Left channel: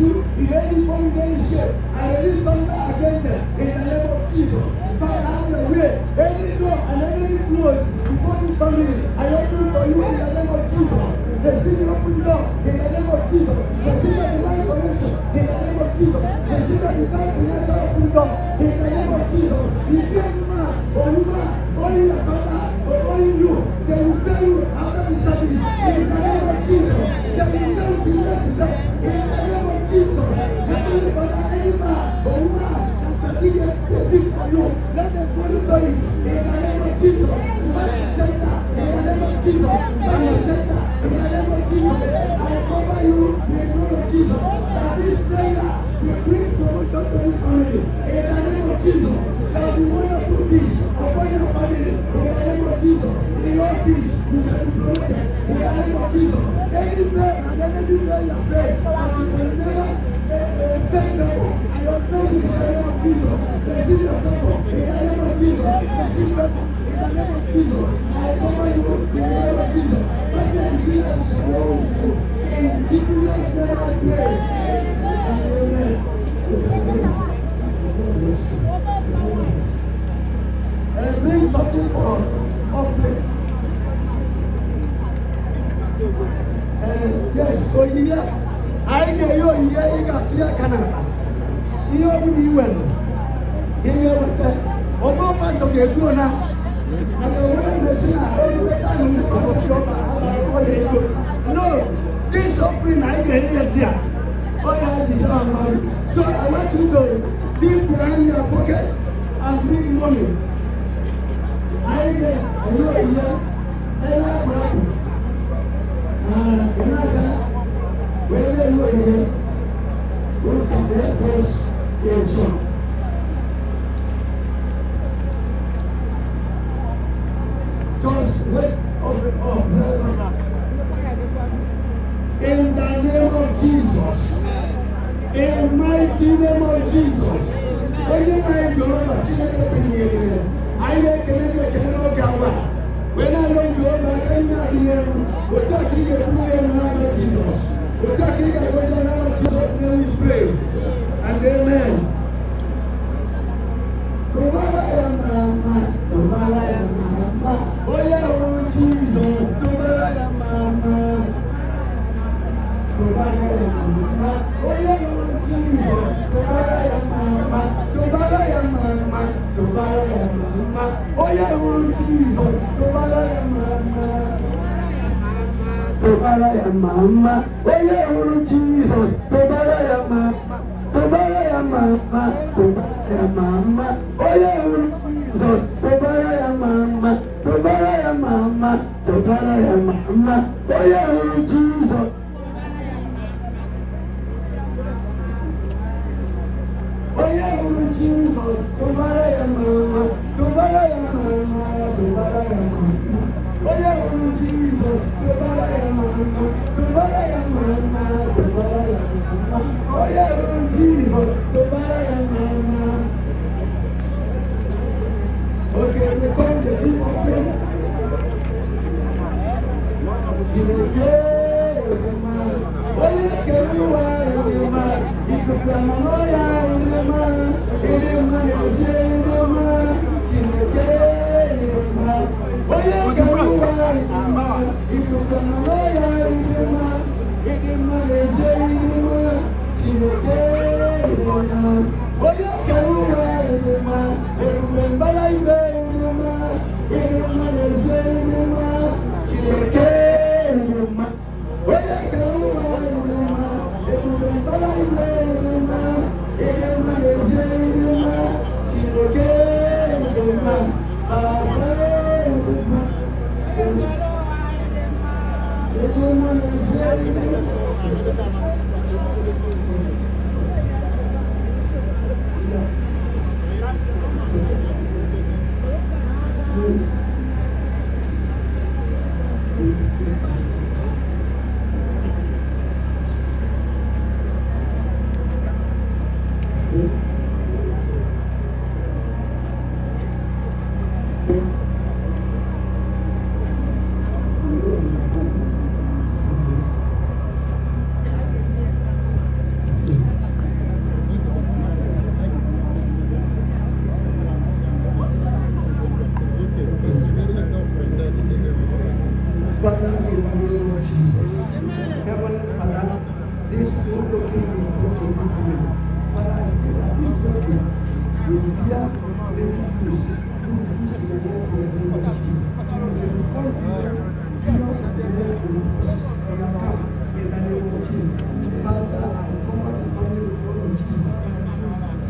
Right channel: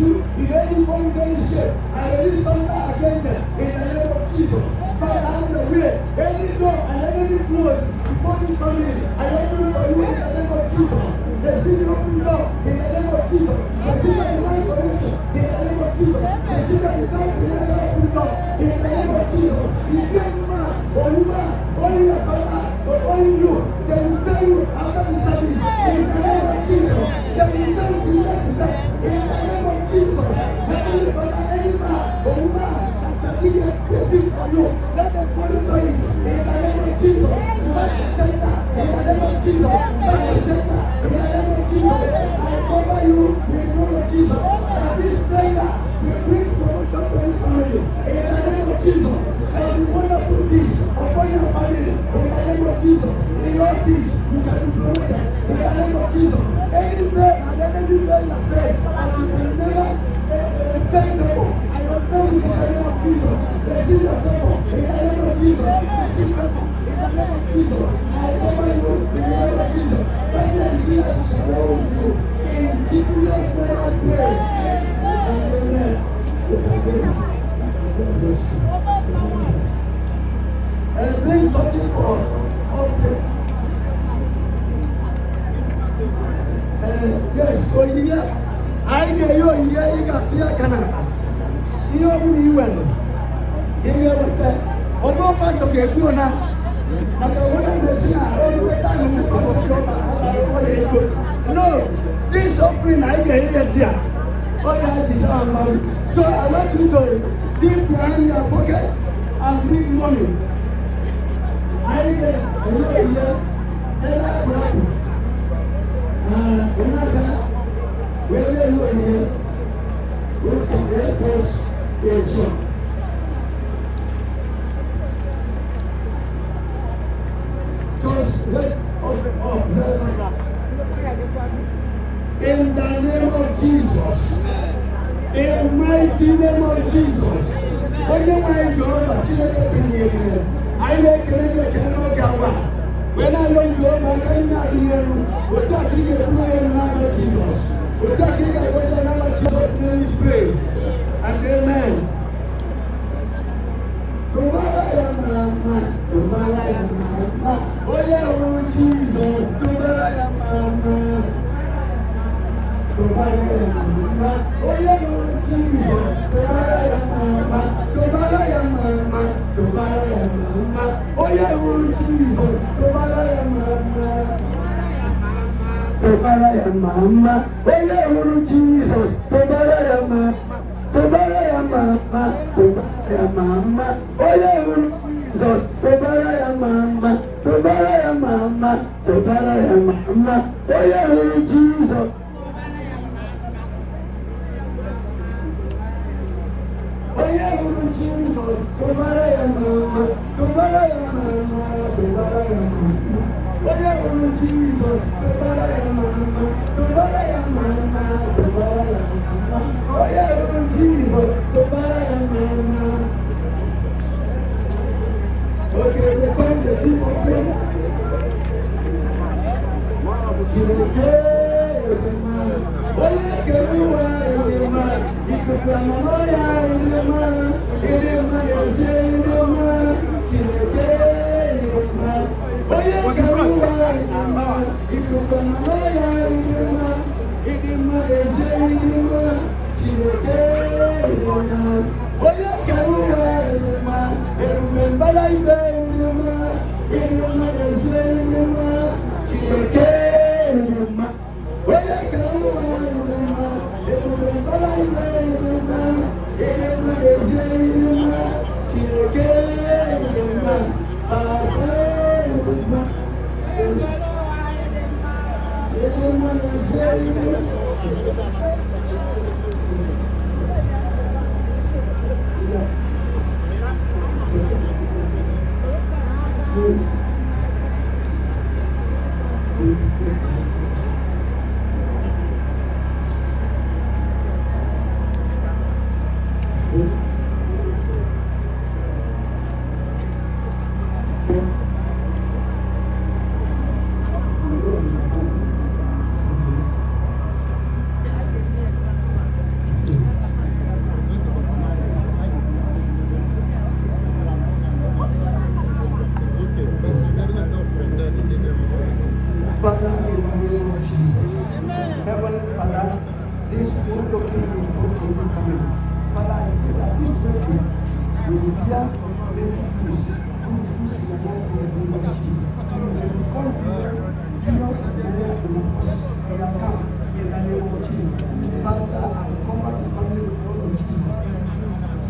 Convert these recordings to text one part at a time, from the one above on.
you, if any form against you, I release thunder against them in the name of Jesus. Father, have your way. Any door and any close before this family, I open it for you in the name of Jesus. Receive your open door in the name of Jesus. Receive your divine connection in the name of Jesus. Receive your divine financial open door in the name of Jesus. If you are man or woman, only your father or only you, they will tell you after the service in the name of Jesus. They will tell you to let it in the name of Jesus. Heavenly Father, any man or woman that shall be a gift for you, let them follow it in the name of Jesus. Father, Satan, in the name of Jesus. Father, Satan, in the name of Jesus. I cover you in the name of Jesus. And this prayer will bring promotion to this family in the name of Jesus. There will be wonderful peace upon your family in the name of Jesus. In your peace, you shall be promoted in the name of Jesus. Anywhere and anywhere you place, I will never take the book. I will pray in the name of Jesus. Receive your people in the name of Jesus. Receive people in the name of Jesus. I cover you in the name of Jesus. But then you shall go in Jesus' name I pray. Amen. Bring something for offering. Yes, so here, I know you here, you got here, Canada. You know you well. In your water, although most of the people now, and the woman that she are all the time on the cost no, this offering I get here. So I want you to dig behind your pockets and bring money. I know it's whether you are here, who can take place in some. Just let open up. In the name of Jesus. In the mighty name of Jesus. When you mind your I like when I don't go, I cannot hear you. We're talking about Jesus. We're talking about Jesus. Let me pray. And amen. Mama, oye uru Jesus, tobara ya mama, tobara ya mama, tobara ya mama, oye uru Jesus, tobara ya mama, tobara ya mama, tobara ya mama, oye uru Jesus. Oye uru Jesus, tobara ya mama, tobara ya mama, tobara ya mama, oye uru Jesus, tobara ya mama.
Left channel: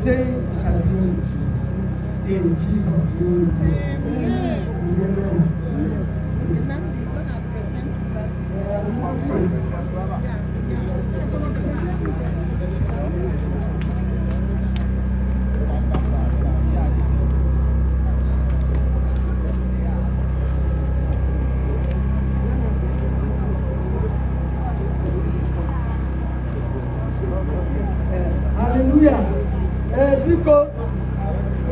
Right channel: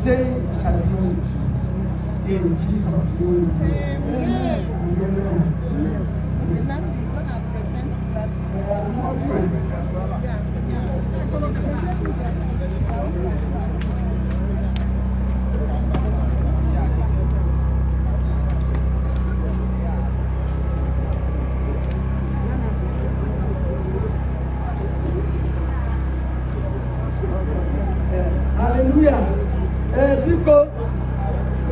saying shall be well with you. In Jesus' name. Amen. Hallelujah. Because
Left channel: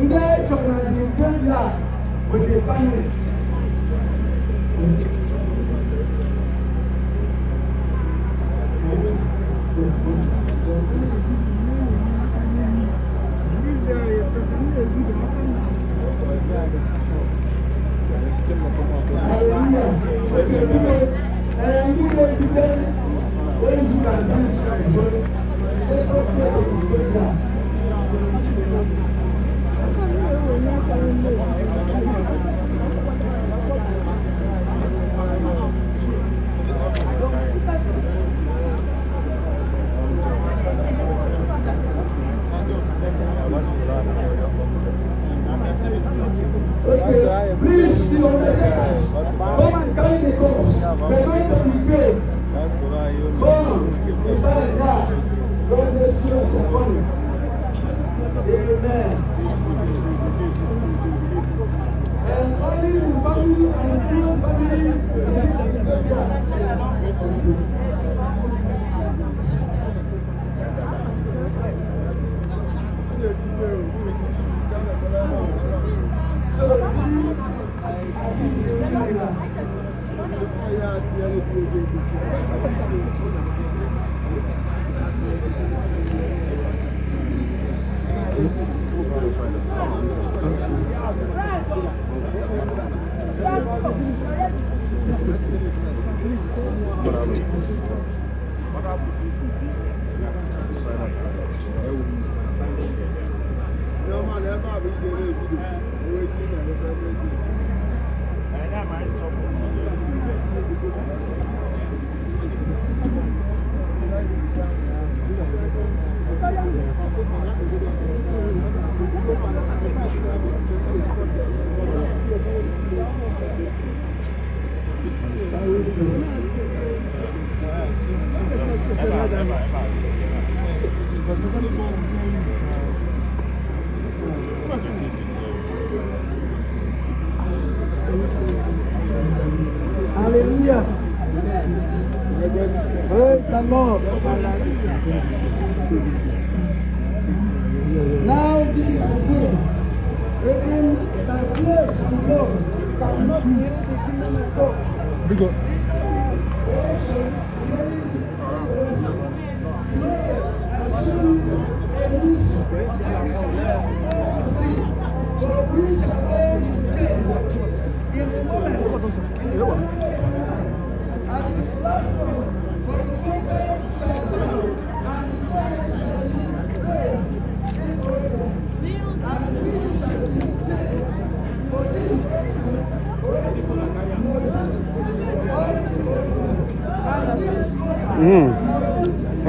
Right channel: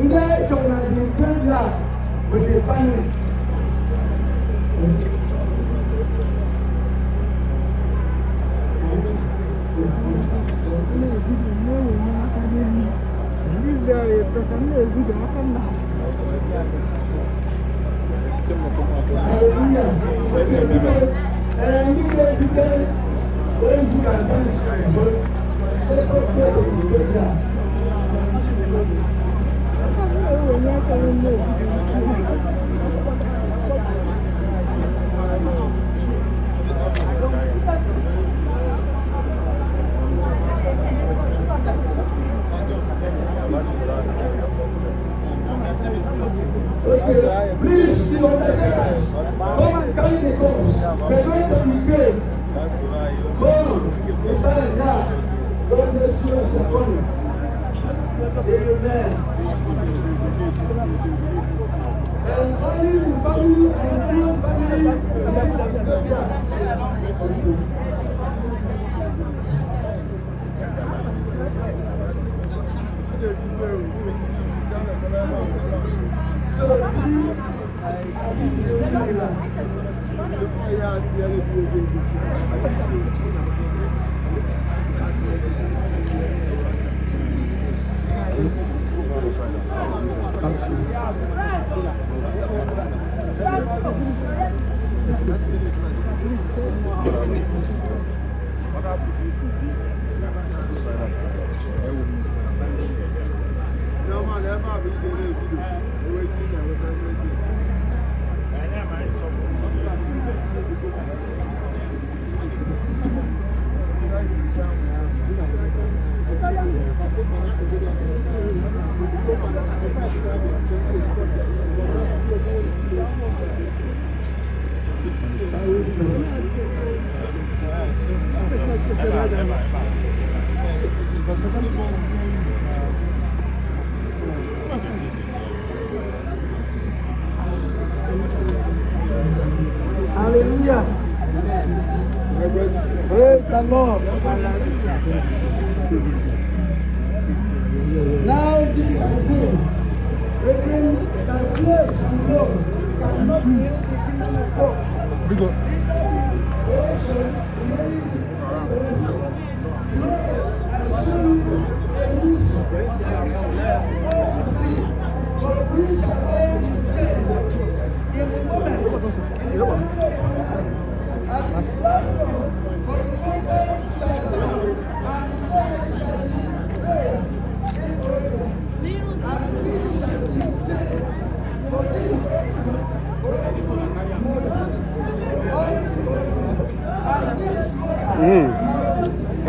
today you can defend that with the family. Please, the undertakers, come and carry the cross. We're going to be praying. Oh, it's very God. God bless you for coming. Amen. And only the family and the real family.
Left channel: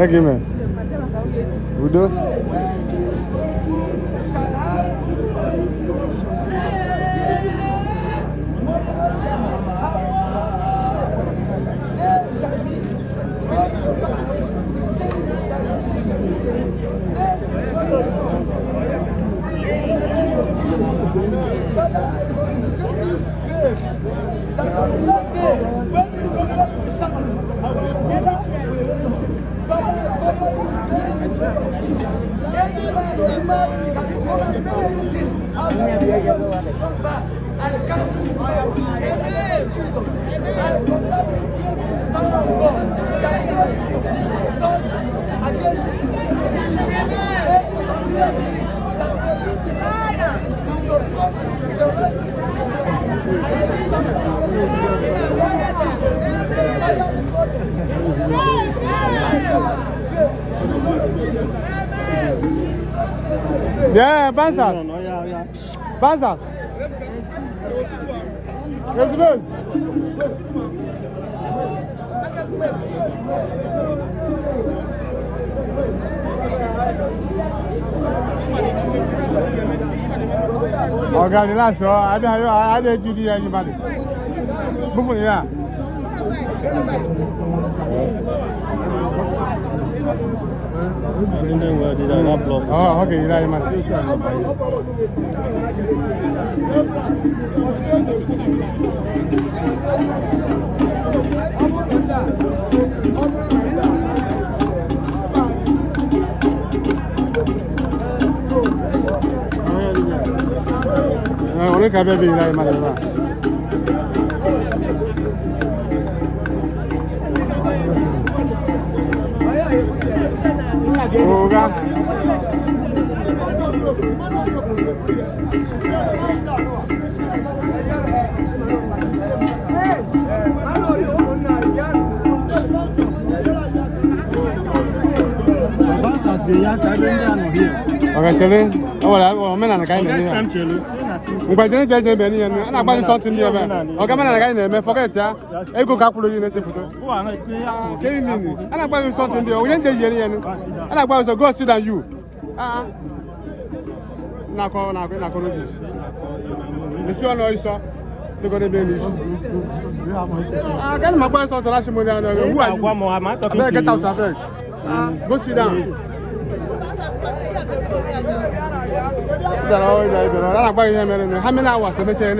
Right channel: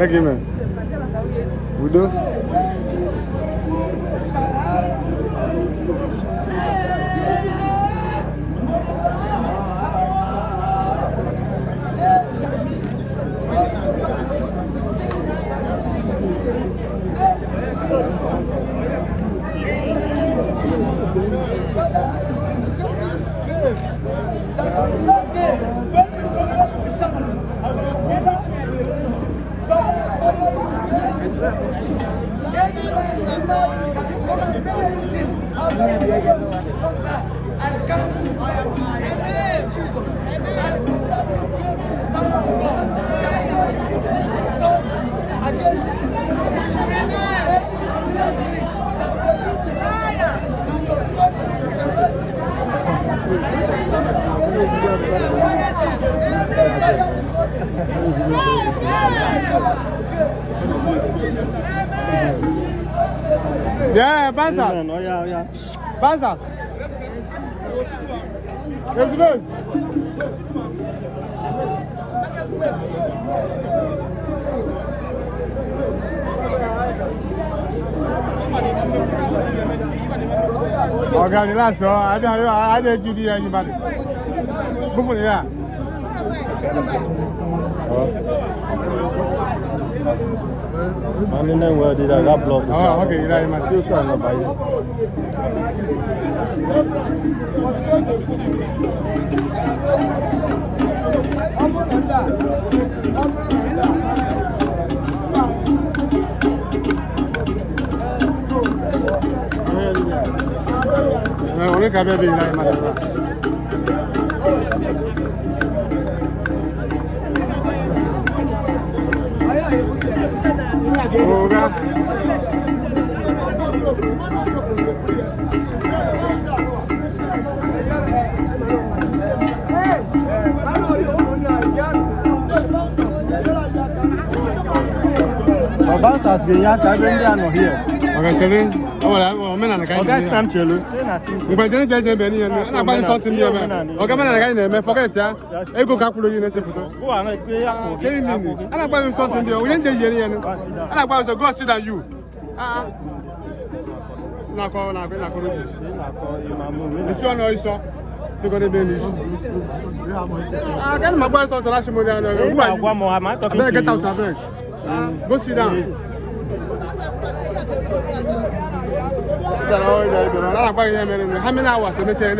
Argument. Udo. I cancel the power in the name of Jesus. I command the power of God that God will turn against it in the name of Jesus. Every spirit that will lead to come to the right I lift up the name of Jesus. The fire of God in the name of Jesus. I command to pray in the name of Jesus. Yeah, Banza. Banza. Let's go. Ọ̀gá ni láti ọ, adé ju di ẹyin bá dé. Búkú ni yá. Mani ne wo di da block. Oh, okay, ila ma si so na ba yi. Oni ka be bi ila ma la. Oga. Who are you? Get out of bed. Go sit down. How many hours to make an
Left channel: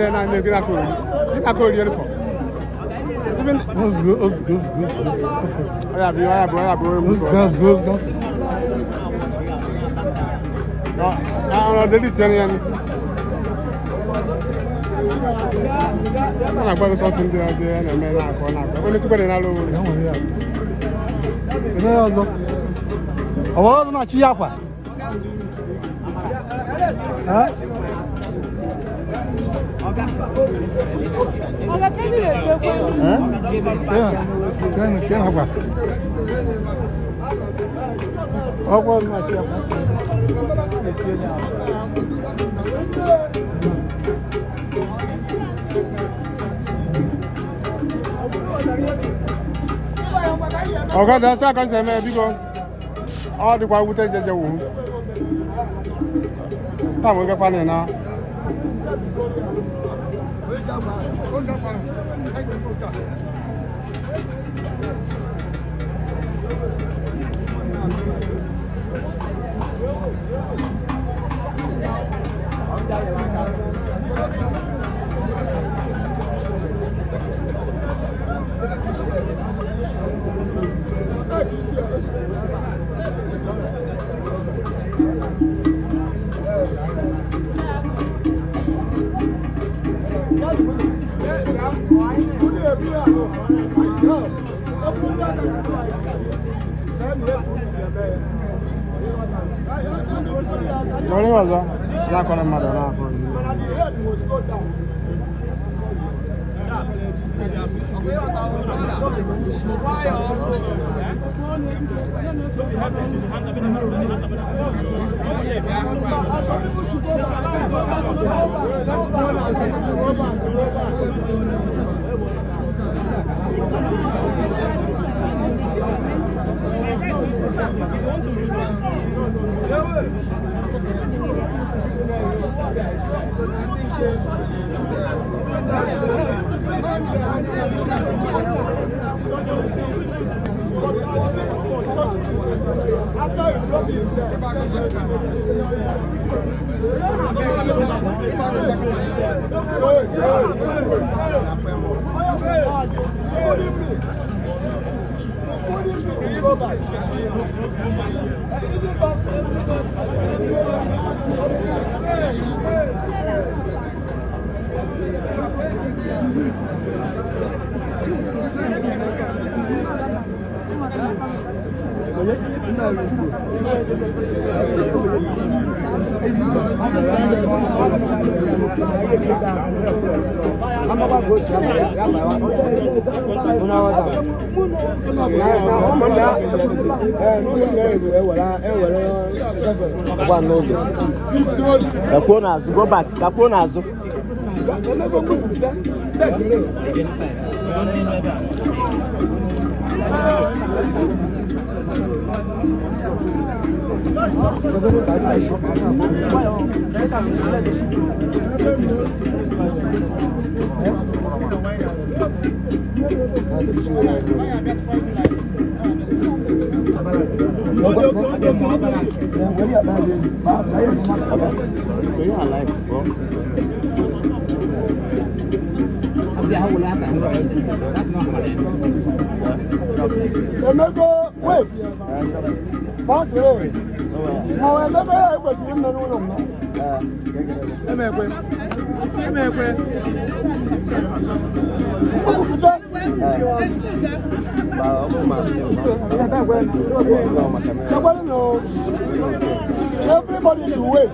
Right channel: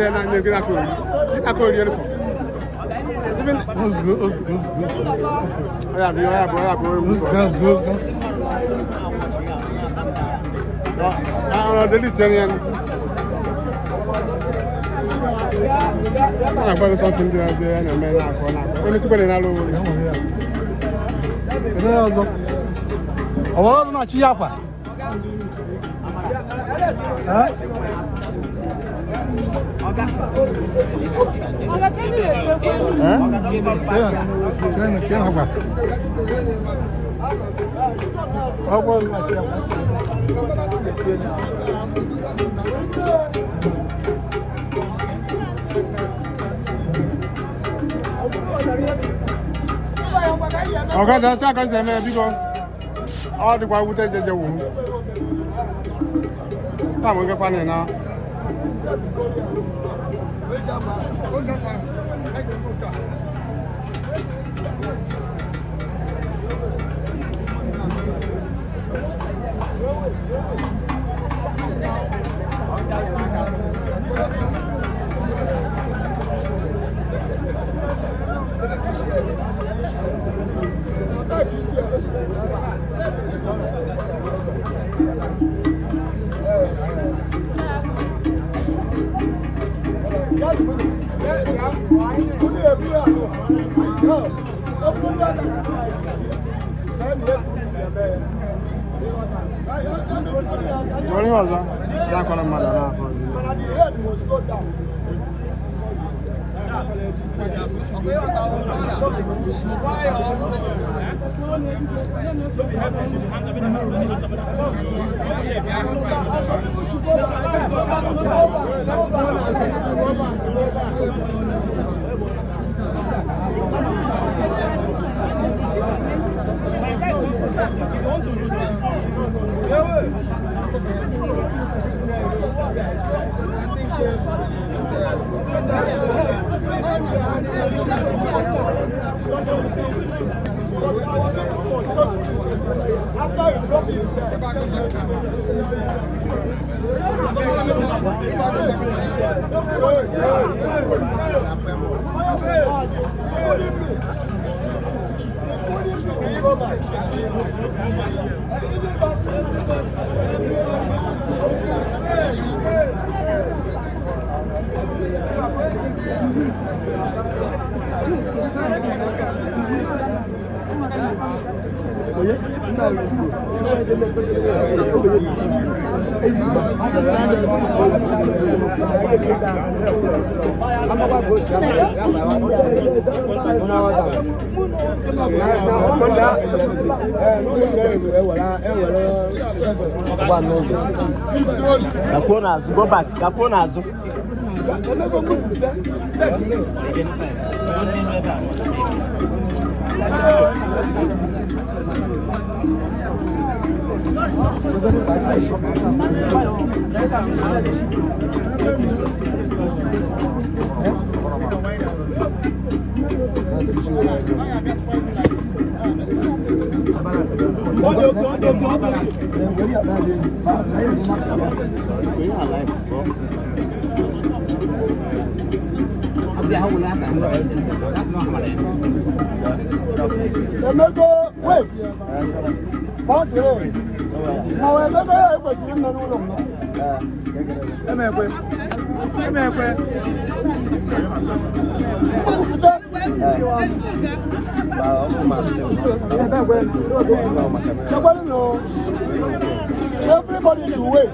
Ọ̀gá da sí àkáǹtì ẹ̀ náà bí wọ́n àwọn àdìpọ̀ awútẹ́ jẹjẹ wò ó táwọn kẹfà ní iná. After you drop it there. Go back. Wait. Boss, everybody should wait.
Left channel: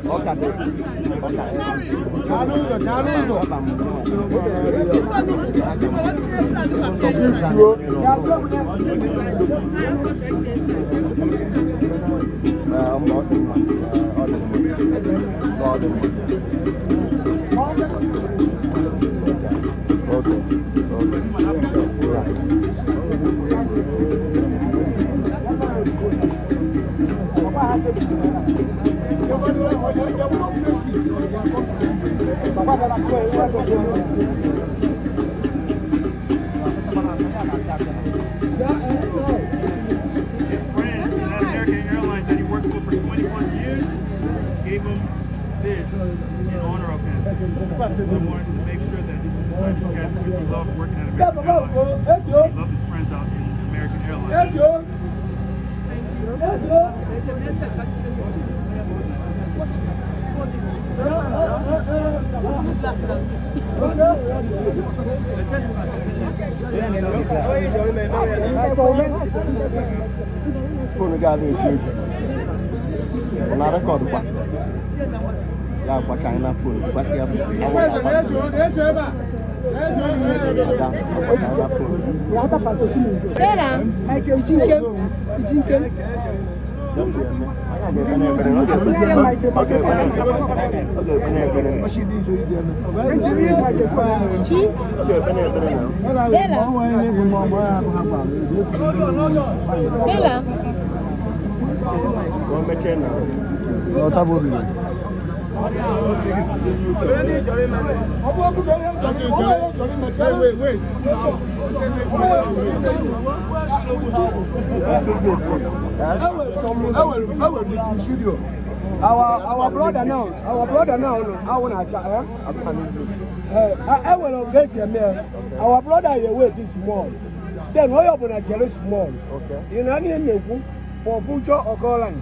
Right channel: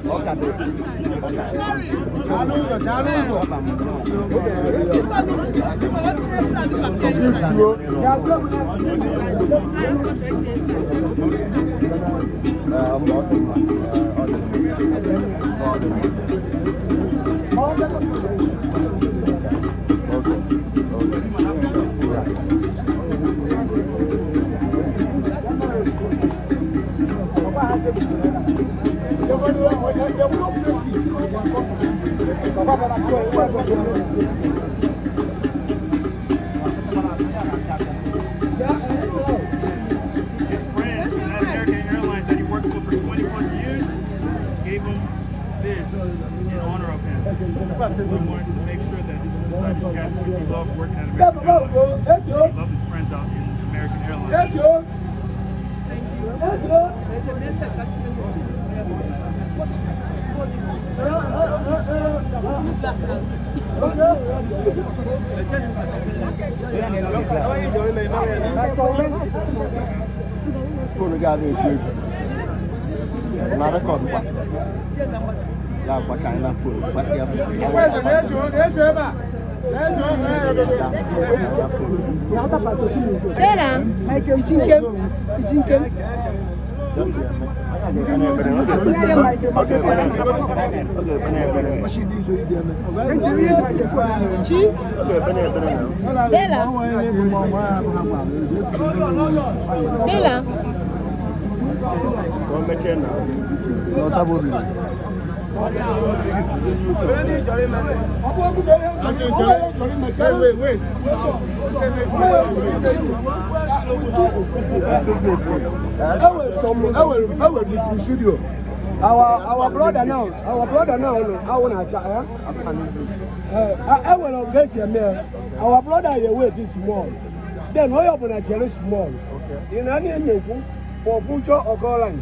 American Airlines that he worked for 20+ years gave him this in honor of him. I wanted to make sure that this was the type of guy which he loved working at American Airlines. He loved his friends out in American Airlines. Phone guy is good. Another call. Yeah, but I love food. But Our brother now, I want to chat. I will get here. Our brother, your weight is small. Then we open a very small. Okay. In any Enugu for future occurrence.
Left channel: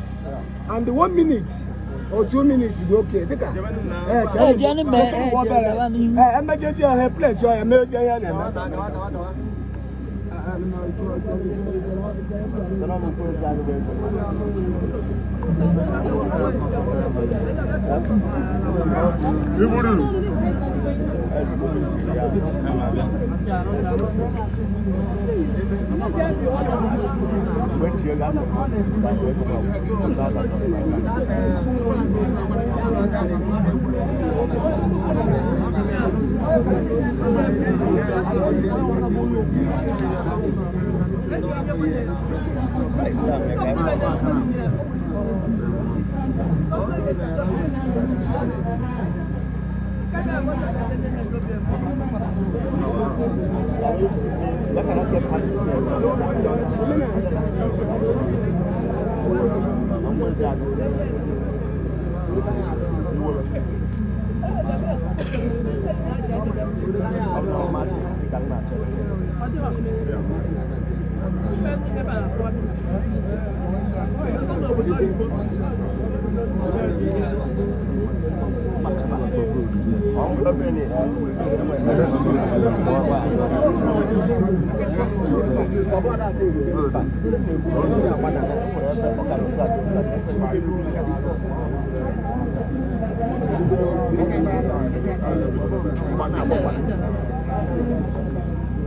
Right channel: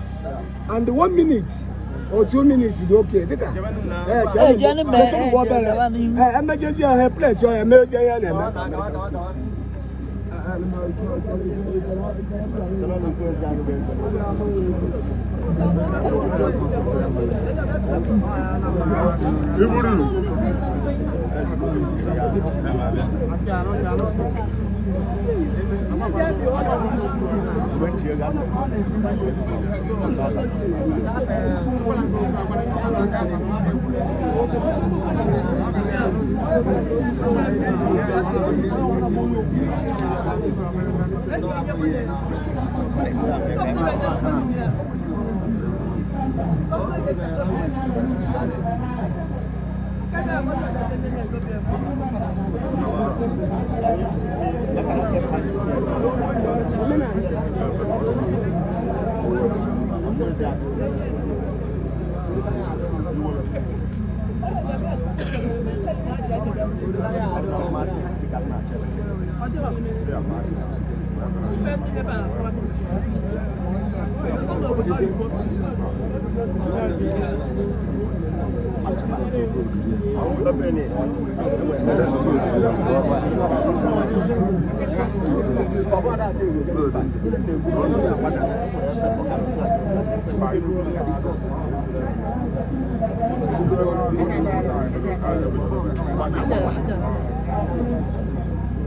And 1 minute or 2 minutes is okay. Emergency a place so emergency.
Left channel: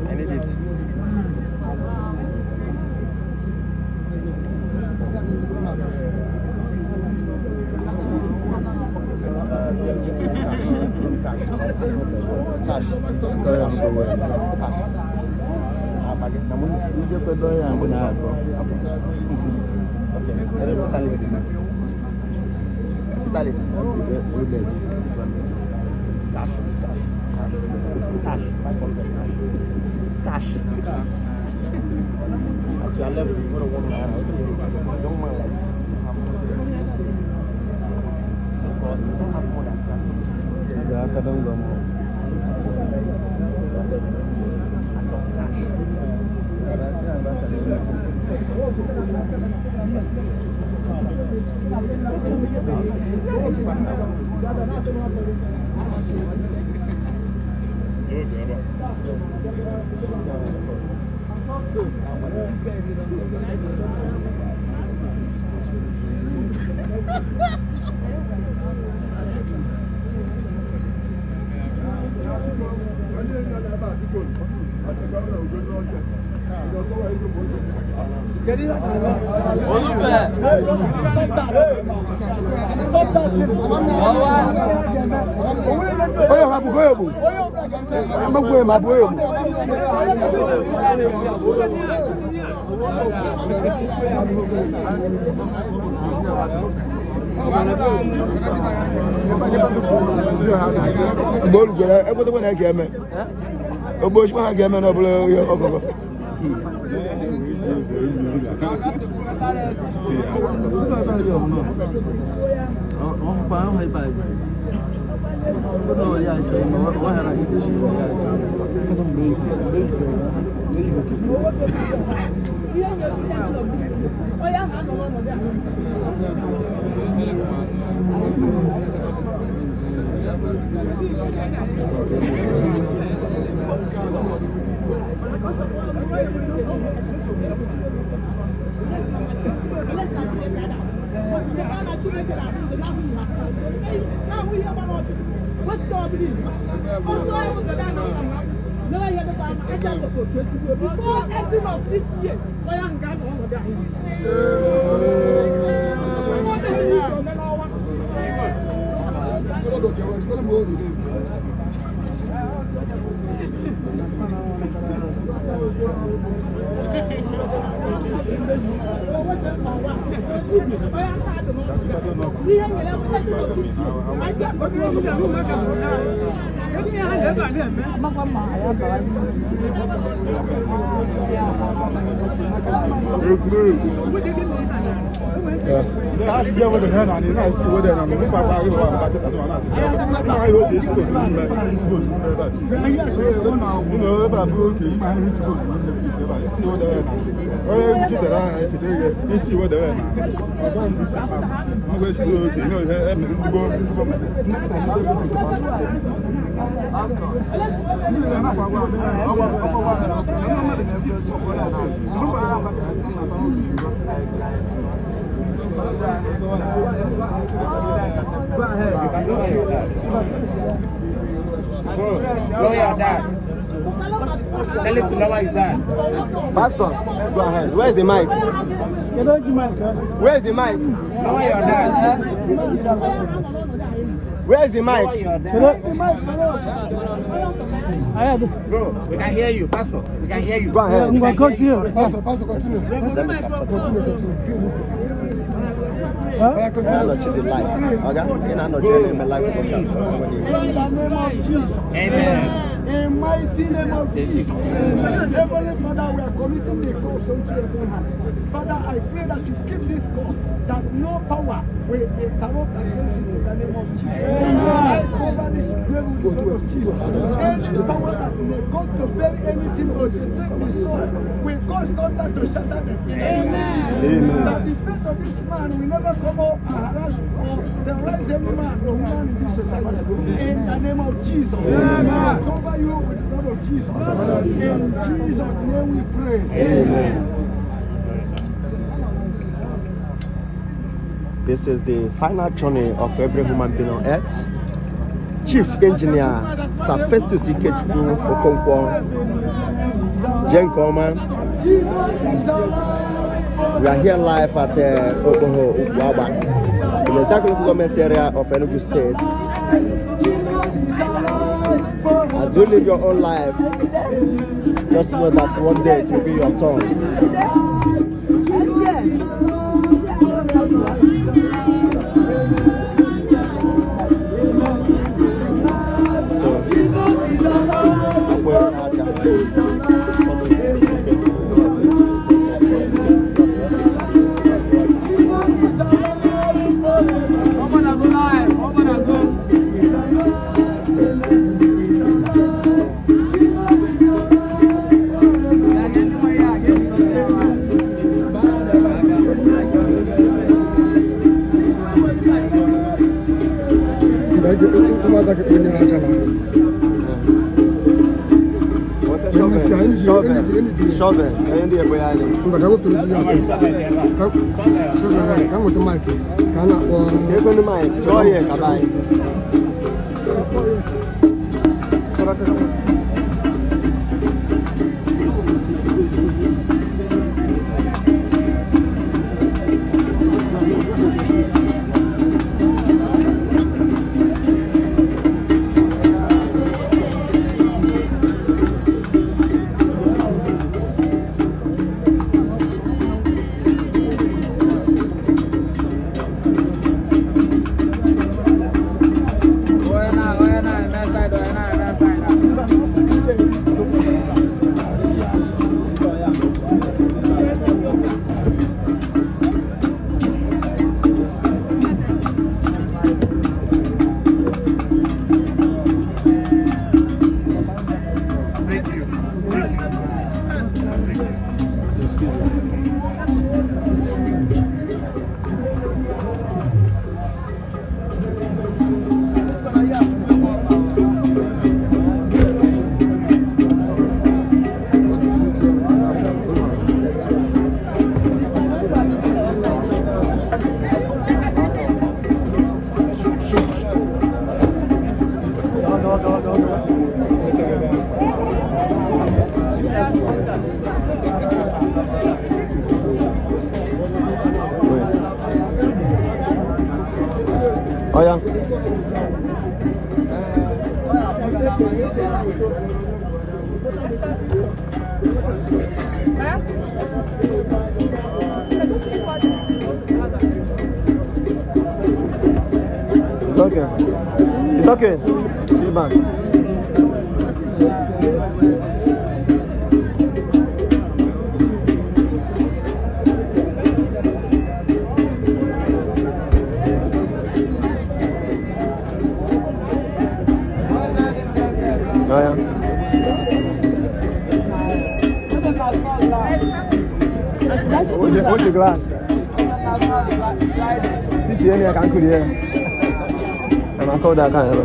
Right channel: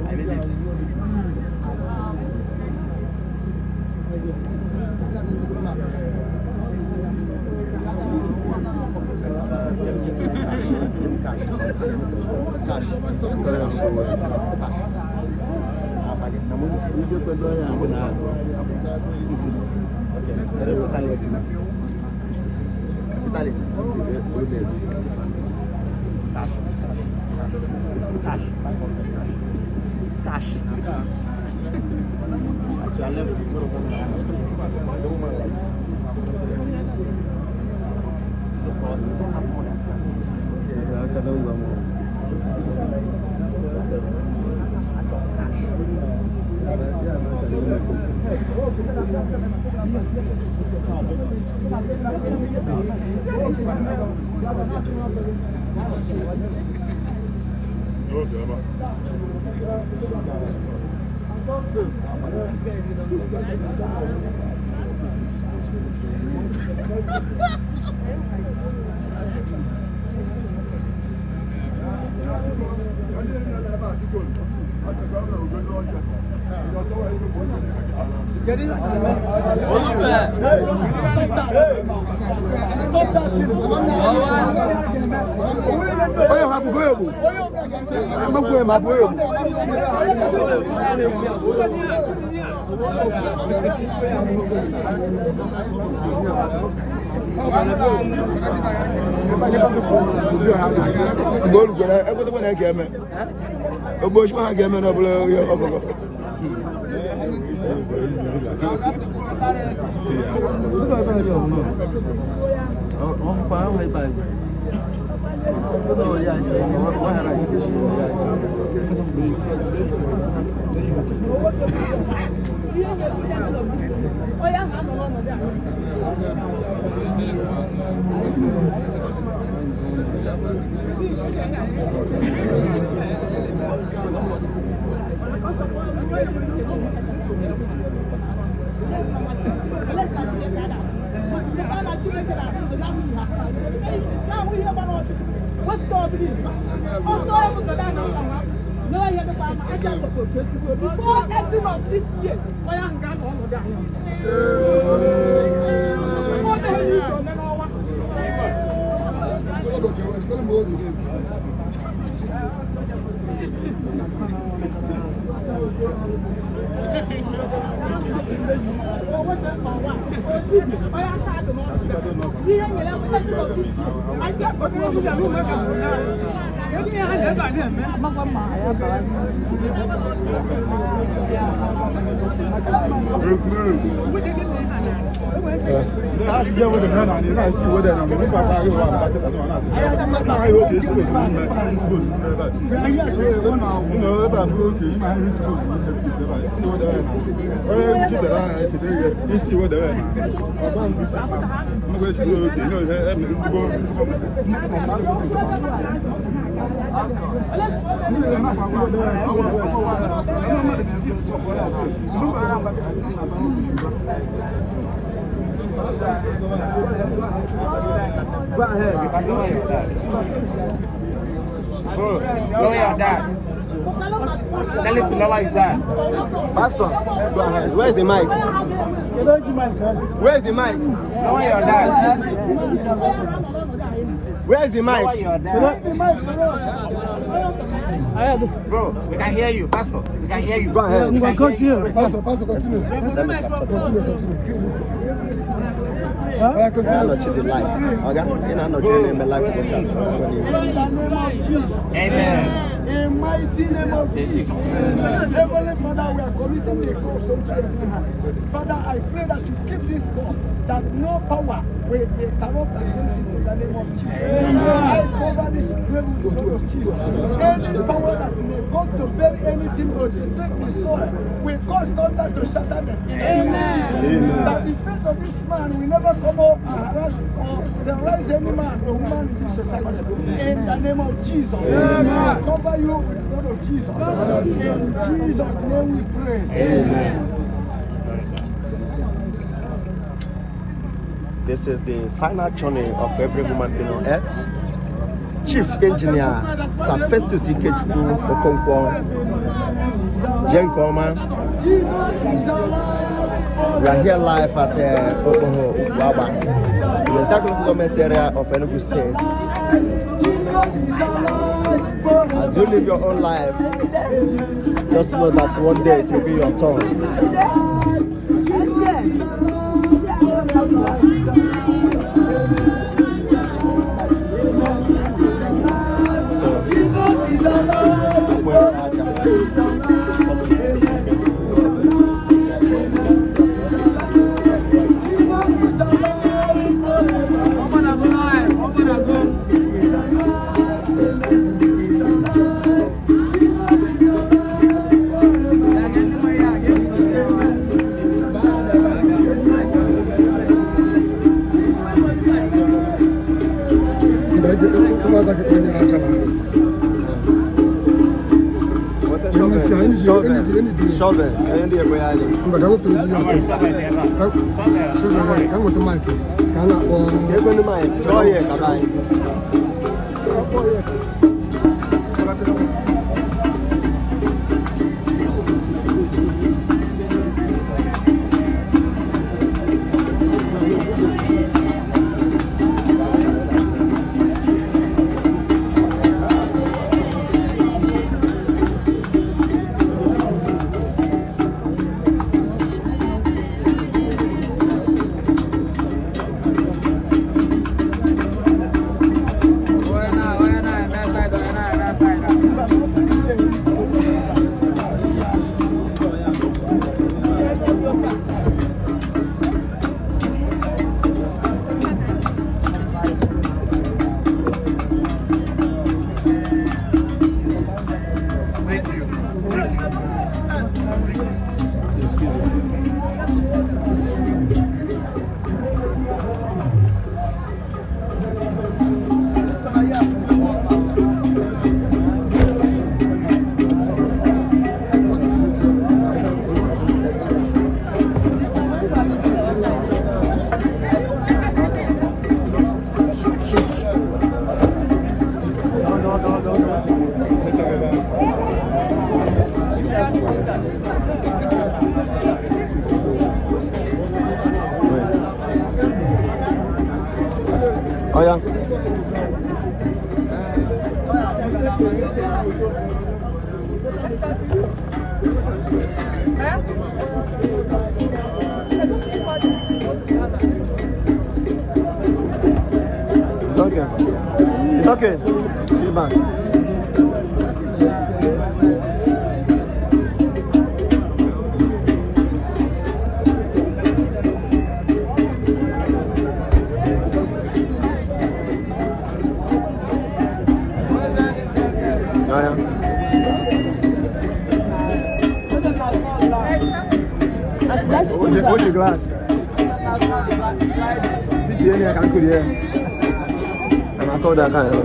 I need it. Pastor, go ahead. Where's the mic? Where's the mic? Where's the mic? Bro, we can hear you, Pastor. We can hear you. Go ahead. We can come to you. Pastor, continue. In mighty name of Jesus. Heavenly Father, we are committing the cause unto your hand. Father, I pray that you keep this call, that no power will interrupt against it in the name of Jesus. I cover this grave with the blood of Jesus. Any power that may go to bury anything or to take the soil, we cause thunder to shatter them in the name of Jesus. That the face of this man will never come up and harass or terrorize any man or woman in this society. In the name of Jesus. I cover you with the blood of Jesus. In Jesus' name we pray. Amen. This is the final journey of every human being on earth. Chief Engineer Sir Festus Okonkwo, Jenkoma. We are here live at Okpogho, Ukwuagba, in the Ezeagu government area of Enugu State. As you live your own life, Just know that one day it will be your turn. Shovel. Oh yeah. It's okay. It's okay. She's back. What's your glass? Yeah, I can't do it. I'm a code that kind of.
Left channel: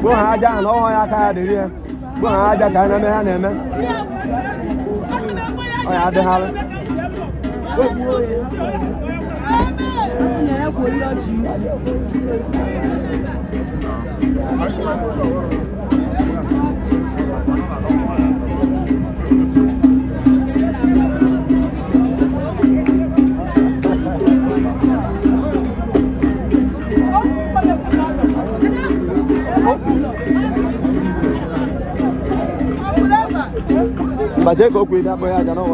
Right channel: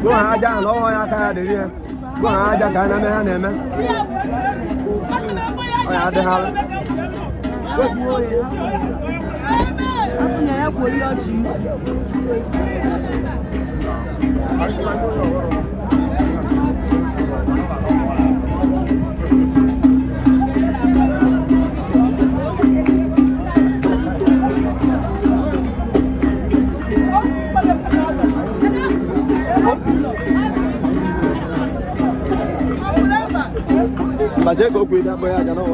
Go ahead, John. Oh, I can't do it. Go ahead, I can't name it. I had to have But go with that boy, I don't know.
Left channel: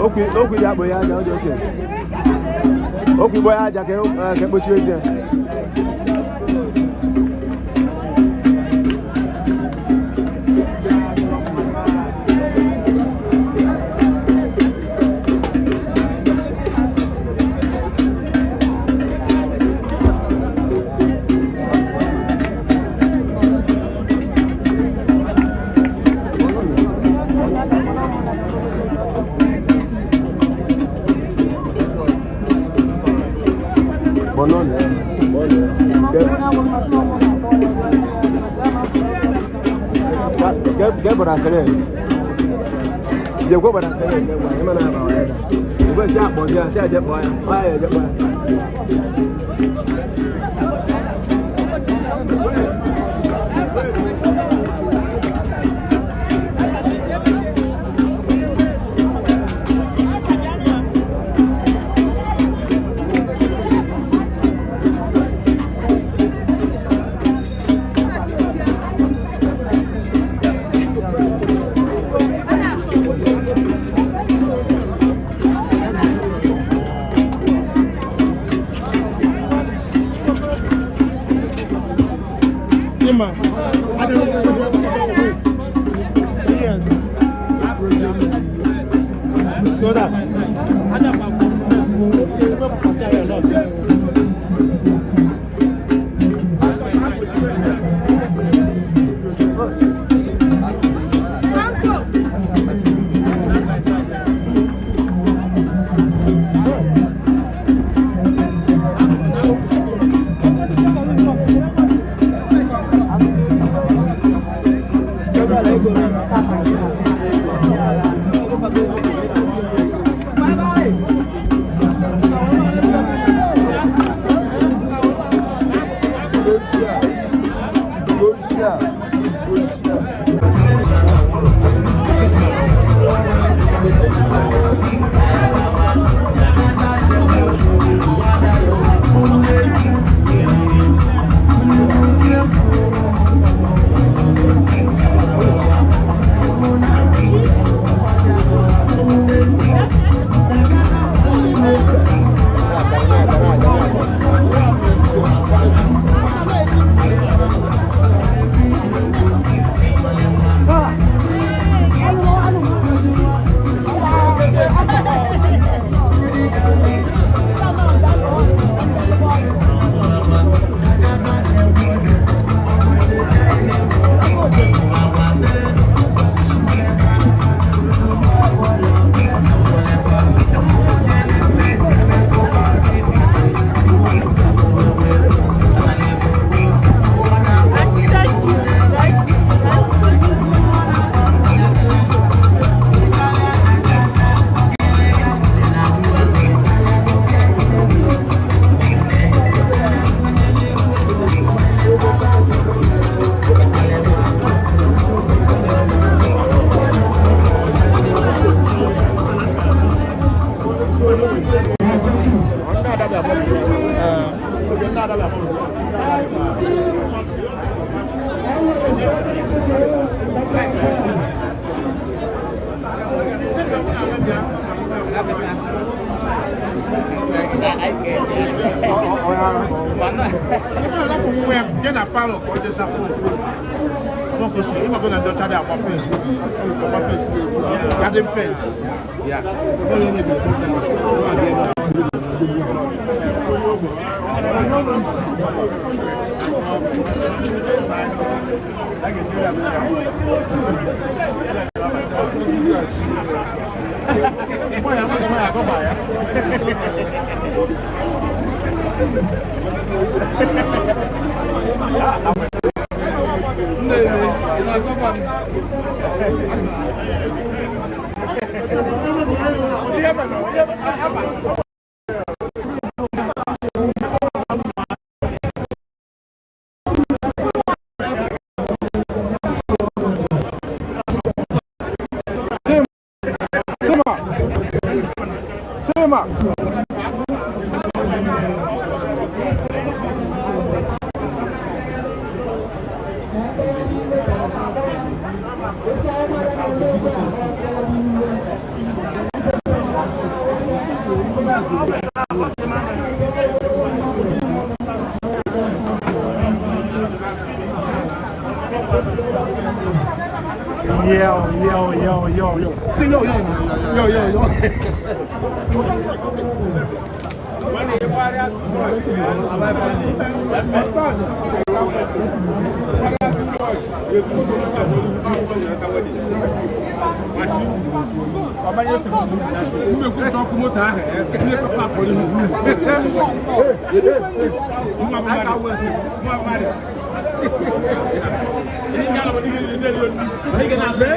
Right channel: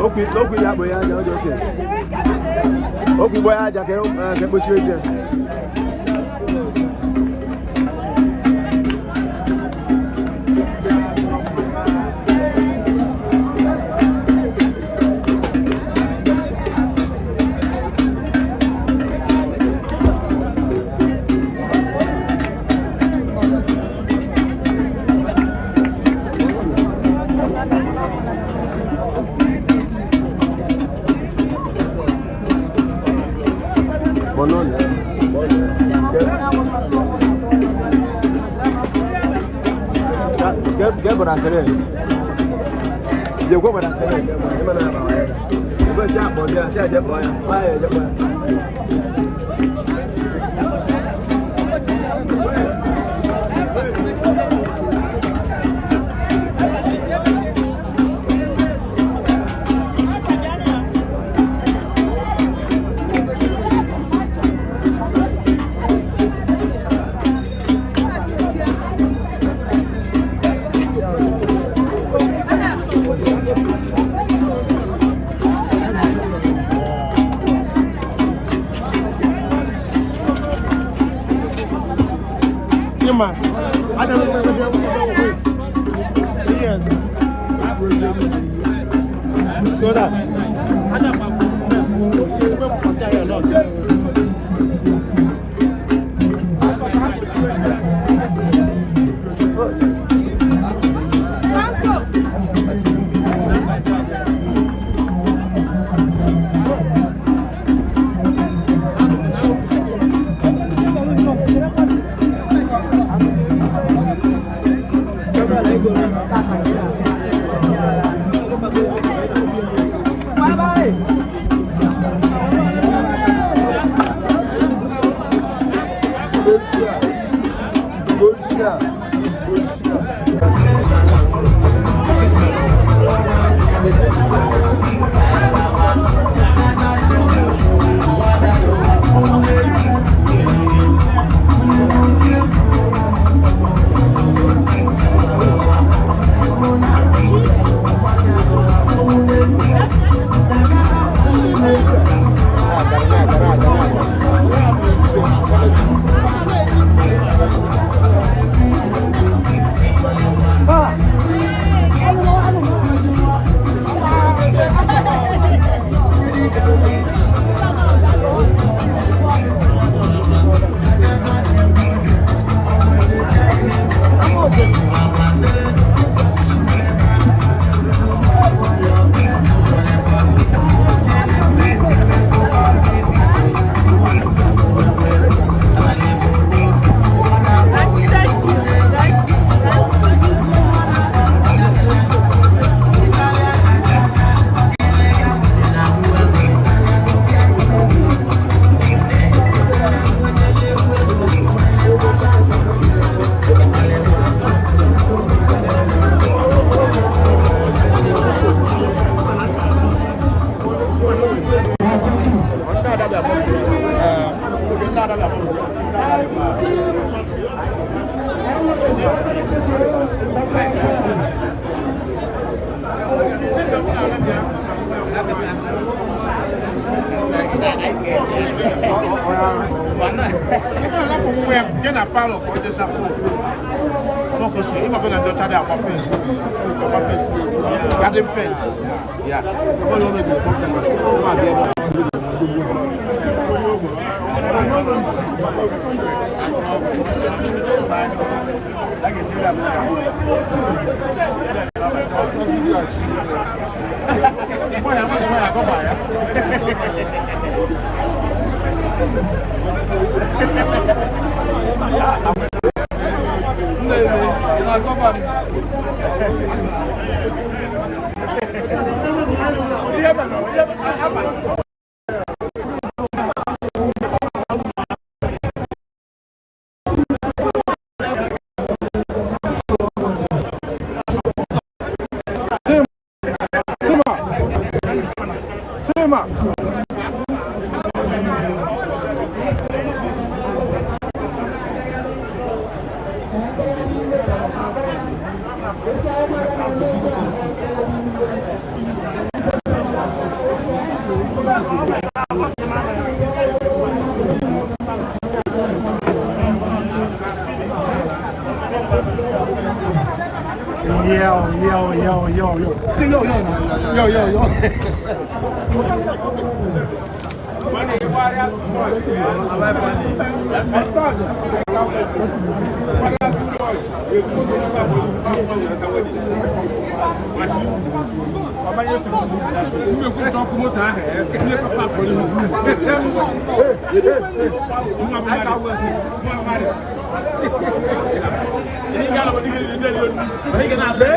Okay, that boy, I don't know. Okay, boy, I can put you in there. Get what I said. You go what I said. You go jump, boy. You said that boy. Fire, that boy. Let's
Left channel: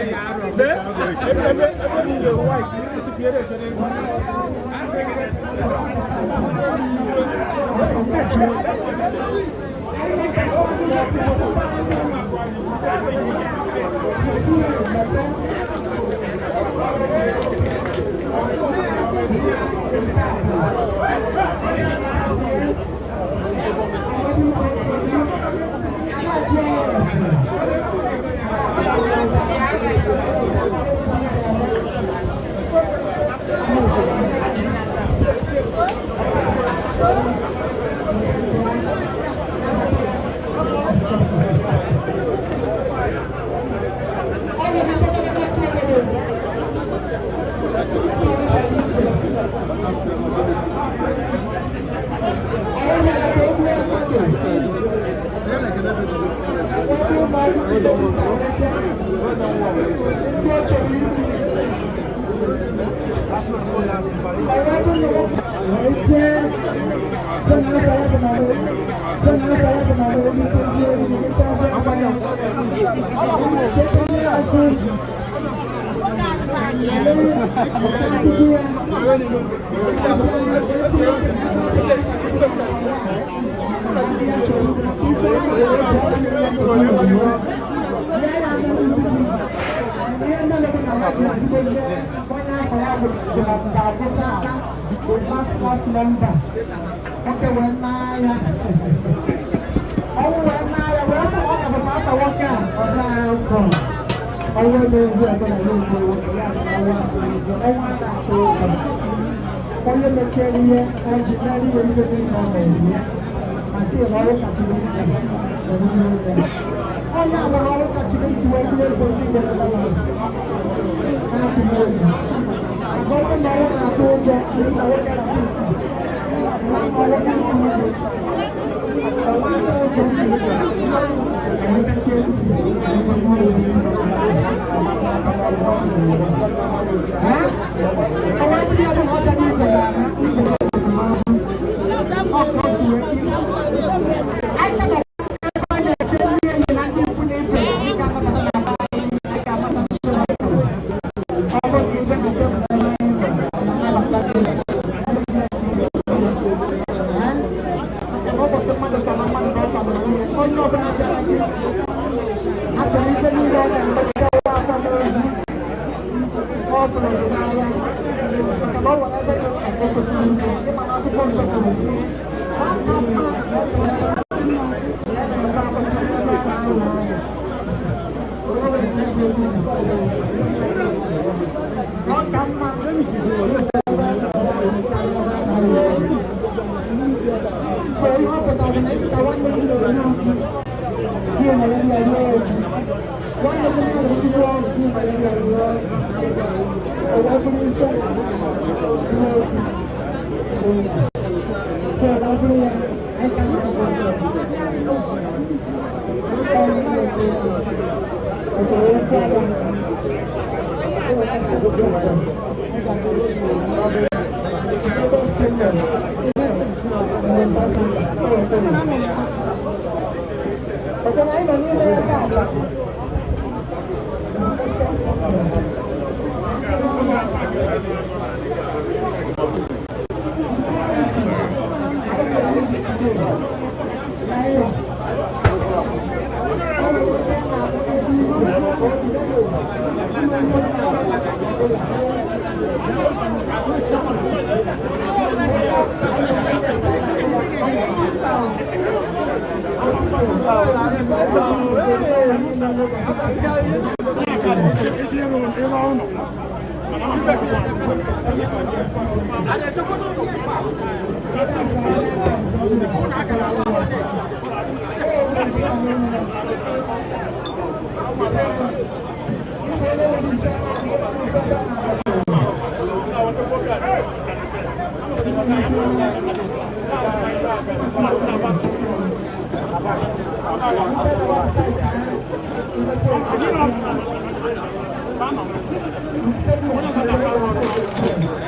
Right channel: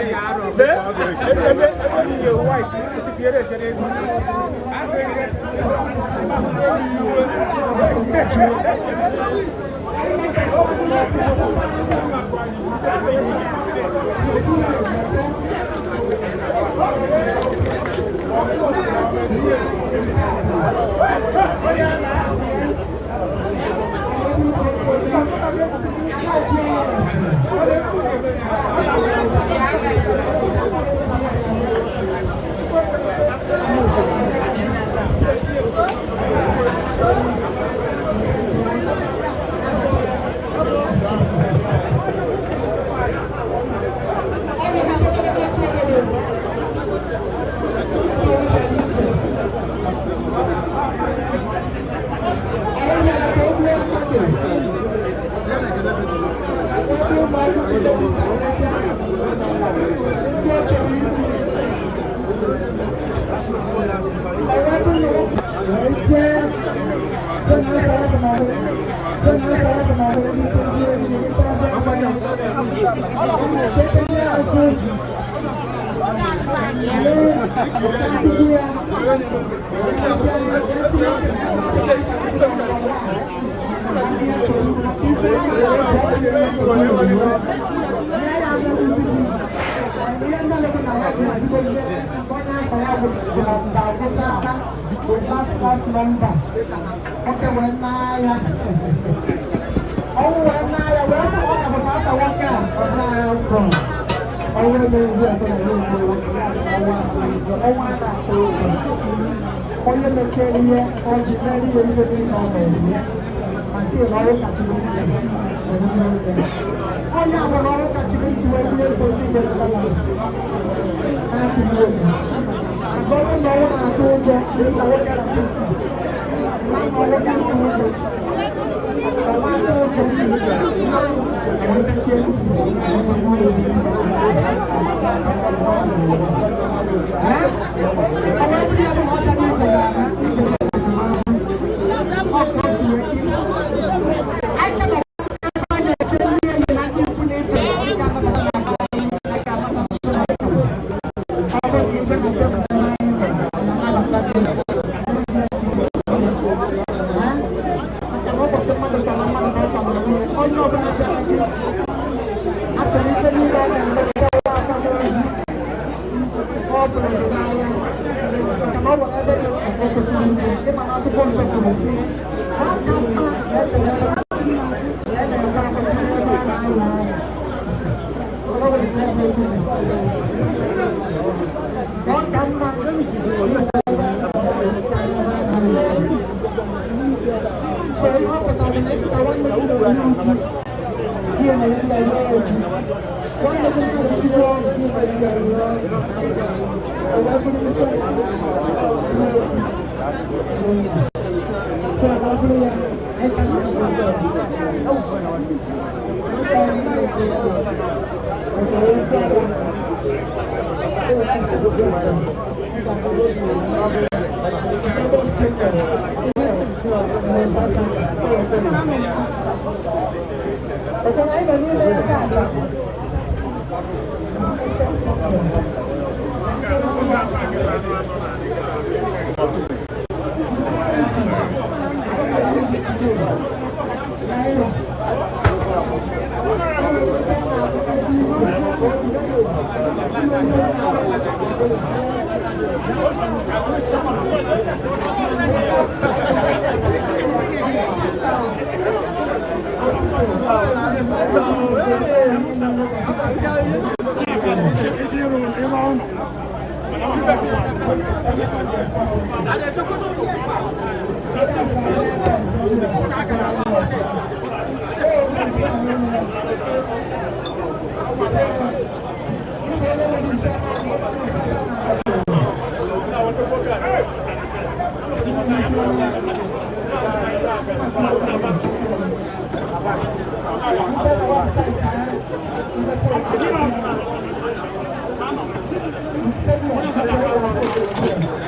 Thank you.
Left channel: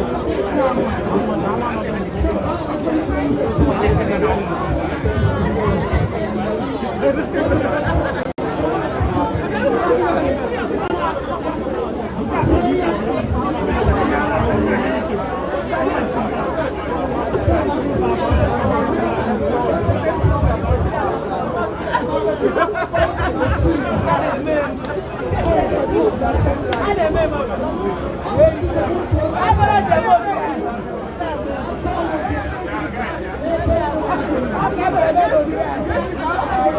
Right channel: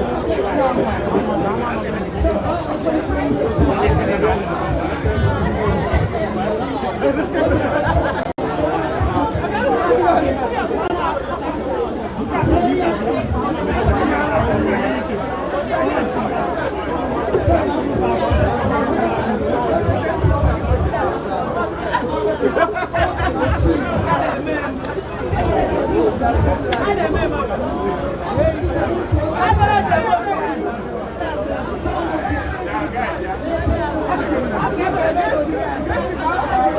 Hey,